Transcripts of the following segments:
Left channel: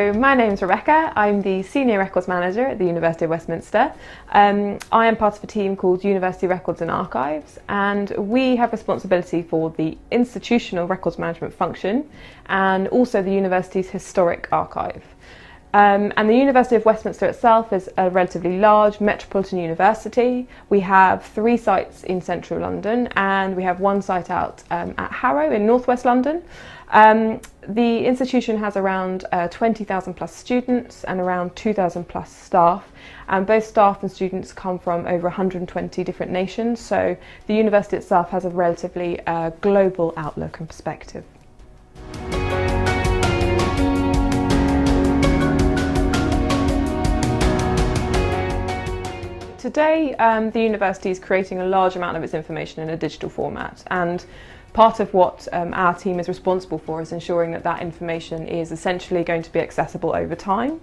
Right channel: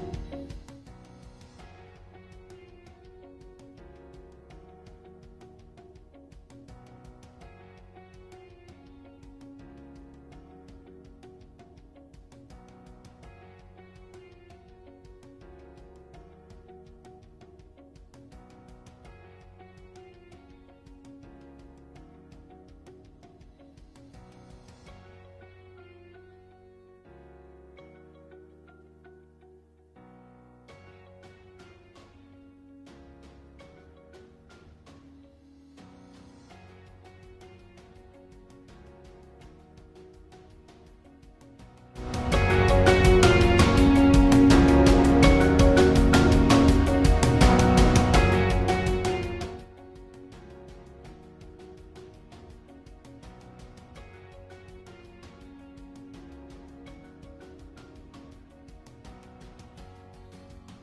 So my name's Rebecca. I'm the Senior Records Manager at the University of Westminster. I am part of a team called University Records and Archives, and we have responsibility for the institutional records management function and also the university's historic archive. And the University of Westminster itself is a relatively large metropolitan university. We have 3 sites in central London and we have 1 site out at Harrow in northwest London. The institution has around 20,000 plus students and around 2,000 plus staff, and both staff and students come from over 120 different nations, so the university itself has a relatively global outlook and perspective. Today, the university is creating a large amount of its information in a digital format, and part of what our team is responsible for is ensuring that that information is essentially going to be accessible over time,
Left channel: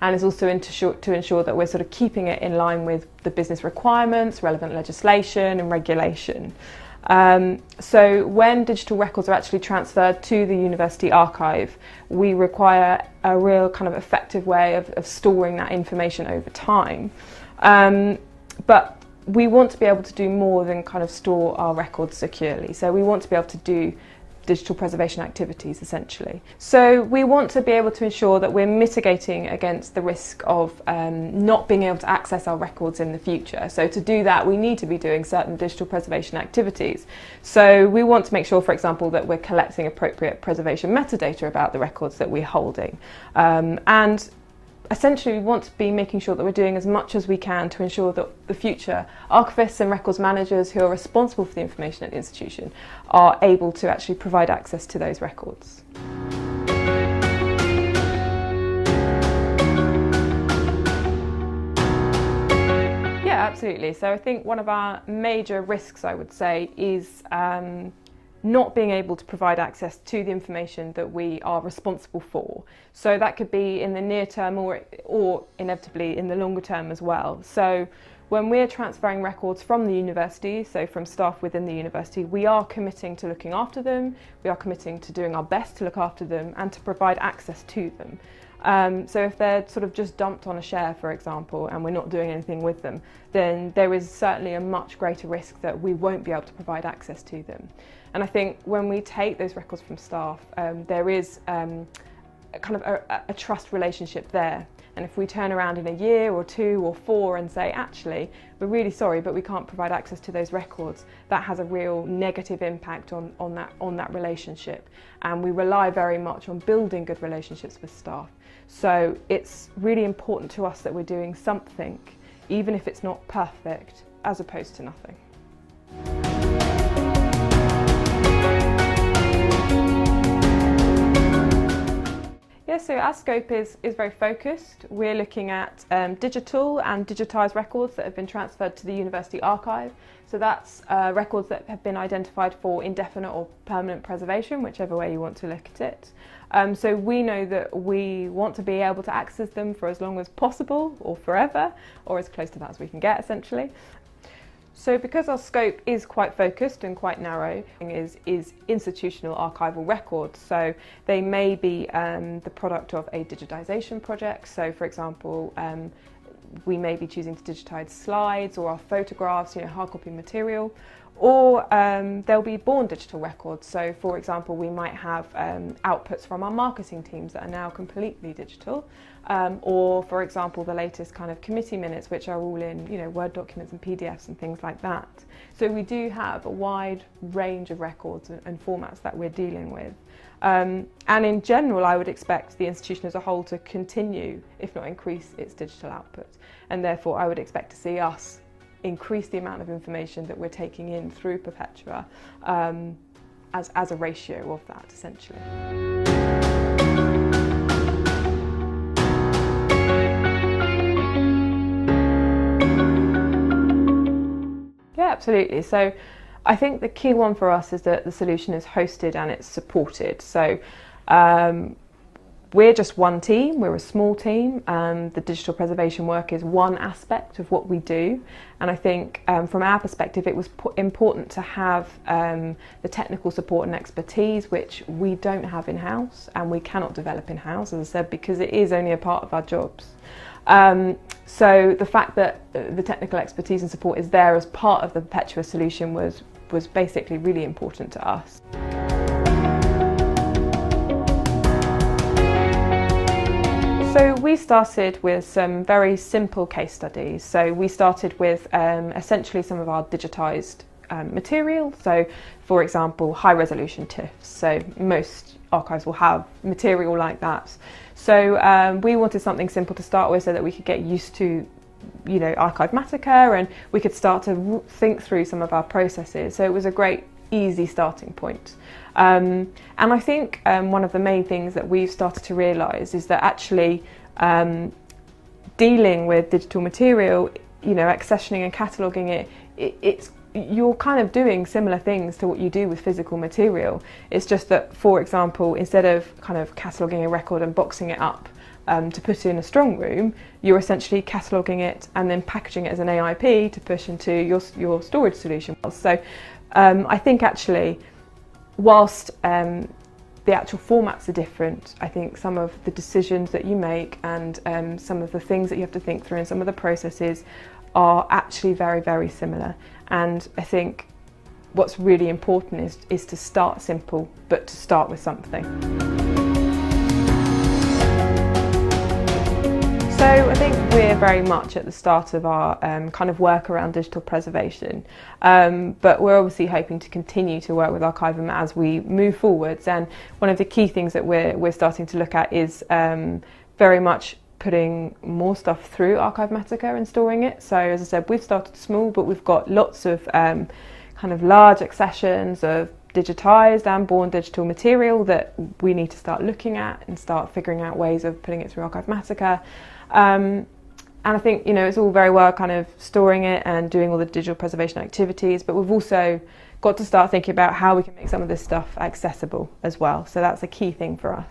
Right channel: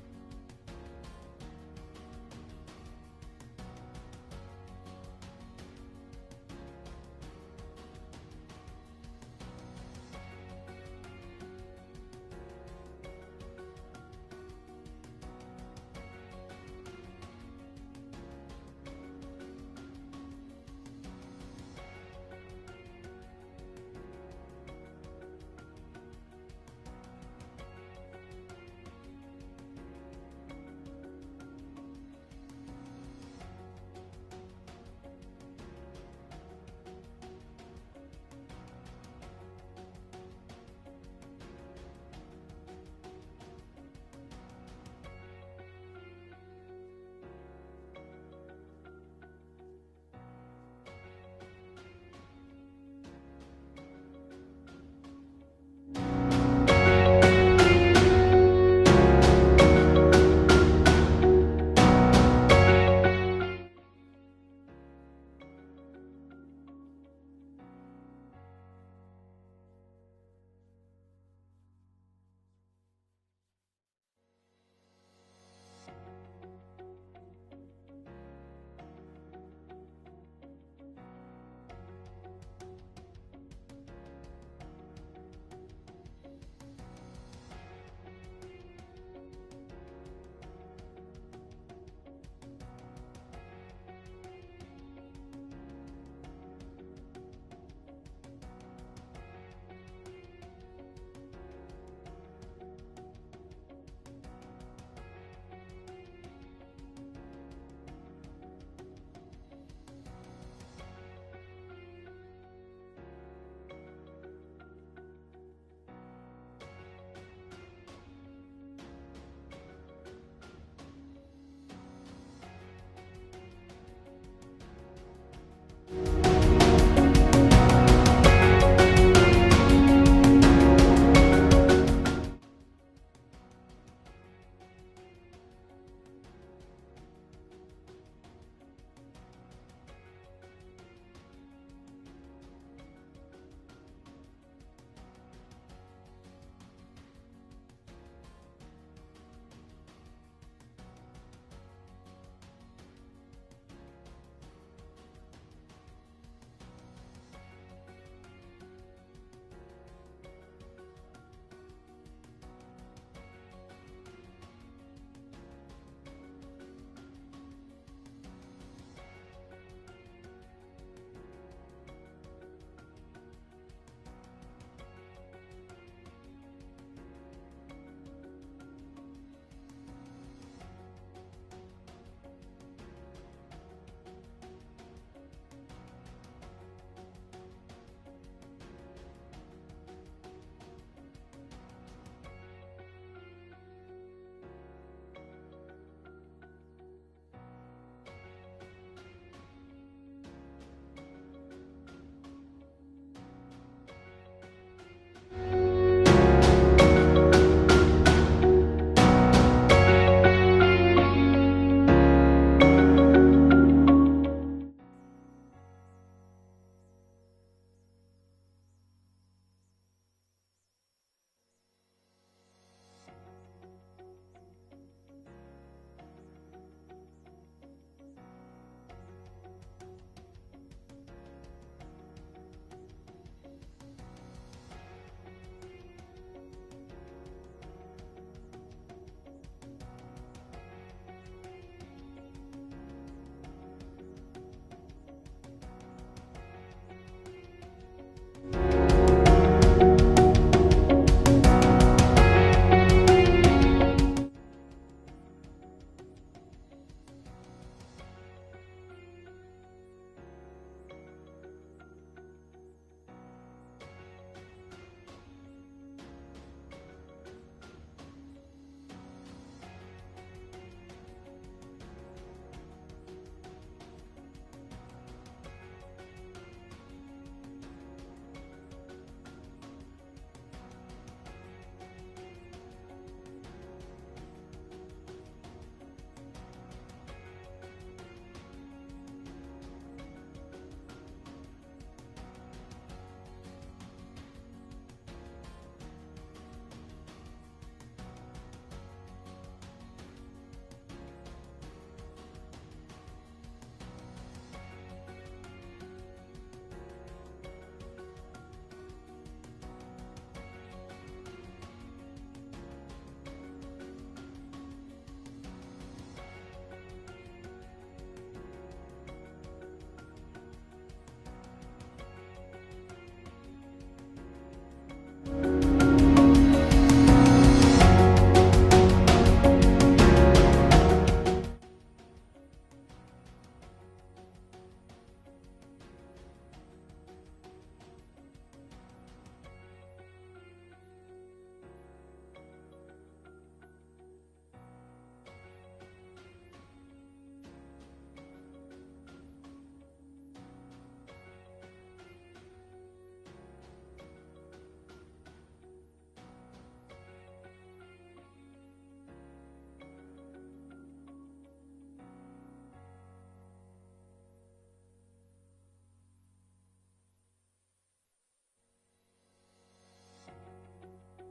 and is also to ensure that we're sort of keeping it in line with the business requirements, relevant legislation and regulation. So when digital records are actually transferred to the university archive, we require a real kind of effective way of storing that information over time. But we want to be able to do more than kind of store our records securely. So we want to be able to do digital preservation activities essentially. So we want to be able to ensure that we're mitigating against the risk of not being able to access our records in the future. So to do that, we need to be doing certain digital preservation activities. So we want to make sure, for example, that we're collecting appropriate preservation metadata about the records that we're holding. And essentially, we want to be making sure that we're doing as much as we can to ensure that the future archivists and records managers who are responsible for the information at the institution are able to actually provide access to those records. Yeah, absolutely. So I think one of our major risks, I would say, is not being able to provide access to the information that we are responsible for. So that could be in the near term or inevitably in the longer term as well. So when we're transferring records from the university, so from staff within the university, we are committing to looking after them, we are committing to doing our best to look after them and to provide access to them. So if they're sort of just dumped on a share, for example, and we're not doing anything with them, then there is certainly a much greater risk that we won't be able to provide access to them. And I think when we take those records from staff, there is kind of a trust relationship there. And if we turn around in a year or 2 or 4 and say, actually, we're really sorry, but we can't provide access to those records, that has a real negative impact on that relationship. And we rely very much on building good relationships with staff. So it's really important to us that we're doing something, even if it's not perfect, as opposed to nothing. Yeah, so our scope is very focused. We're looking at digital and digitised records that have been transferred to the university archive. So that's records that have been identified for indefinite or permanent preservation, whichever way you want to look at it. So we know that we want to be able to access them for as long as possible, or forever, or as close to that as we can get, essentially. So because our scope is quite focused and quite narrow, is institutional archival records. So they may be the product of a digitisation project. So for example, we may be choosing to digitise slides or our photographs, hard copy material, or there'll be born digital records. So for example, we might have outputs from our marketing teams that are now completely digital. Or for example, the latest kind of committee minutes, which are all in Word documents and PDFs and things like that. So we do have a wide range of records and formats that we're dealing with. And in general, I would expect the institution as a whole to continue, if not increase, its digital output. And therefore, I would expect to see us increase the amount of information that we're taking in through Perpetua as a ratio of that, essentially. Absolutely. So I think the key one for us is that the solution is hosted and it's supported. So we're just one team, we're a small team. The digital preservation work is one aspect of what we do, and I think from our perspective it was important to have the technical support and expertise, which we don't have in-house and we cannot develop in-house, as I said, because it is only a part of our jobs. So the fact that the technical expertise and support is there as part of the Perpetua solution was basically really important to us. So we started with some very simple case studies. So we started with essentially some of our digitised material. So for example, high resolution TIFFs. So most archives will have material like that. So we wanted something simple to start with so that we could get used to, you know, Arkivmatica, and we could start to think through some of our processes. So it was a great, easy starting point. And I think one of the main things that we've started to realise is that actually dealing with digital material, you know, accessioning and cataloguing it, you're kind of doing similar things to what you do with physical material. It's just that, for example, instead of kind of cataloguing a record and boxing it up to put in a strong room, you're essentially cataloguing it and then packaging it as an AIP to push into your storage solution. So I think actually, whilst the actual formats are different, I think some of the decisions that you make and some of the things that you have to think through and some of the processes are actually very, very similar. And I think what's really important is to start simple, but to start with something. So I think we're very much at the start of our kind of work around digital preservation, but we're obviously hoping to continue to work with Arkivum as we move forwards. And one of the key things that we're starting to look at is very much putting more stuff through Arkivmatica and storing it. So as I said, we've started small, but we've got lots of kind of large accessions of digitised and born digital material that we need to start looking at and start figuring out ways of putting it through Arkivmatica. And I think, you know, it's all very well kind of storing it and doing all the digital preservation activities, but we've also got to start thinking about how we can make some of this stuff accessible as well. So that's a key thing for us.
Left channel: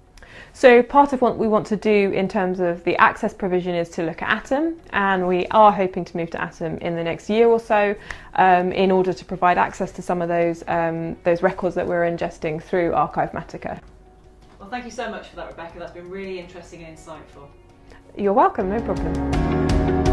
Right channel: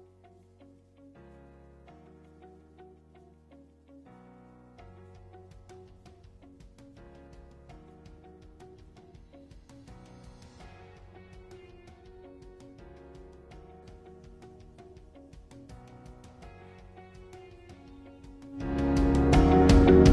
So part of what we want to do in terms of the access provision is to look at Atom, and we are hoping to move to Atom in the next year or so in order to provide access to some of those records that we're ingesting through Arkivmatica. Well, thank you so much for that, Rebecca. That's been really interesting and insightful. You're welcome, no problem.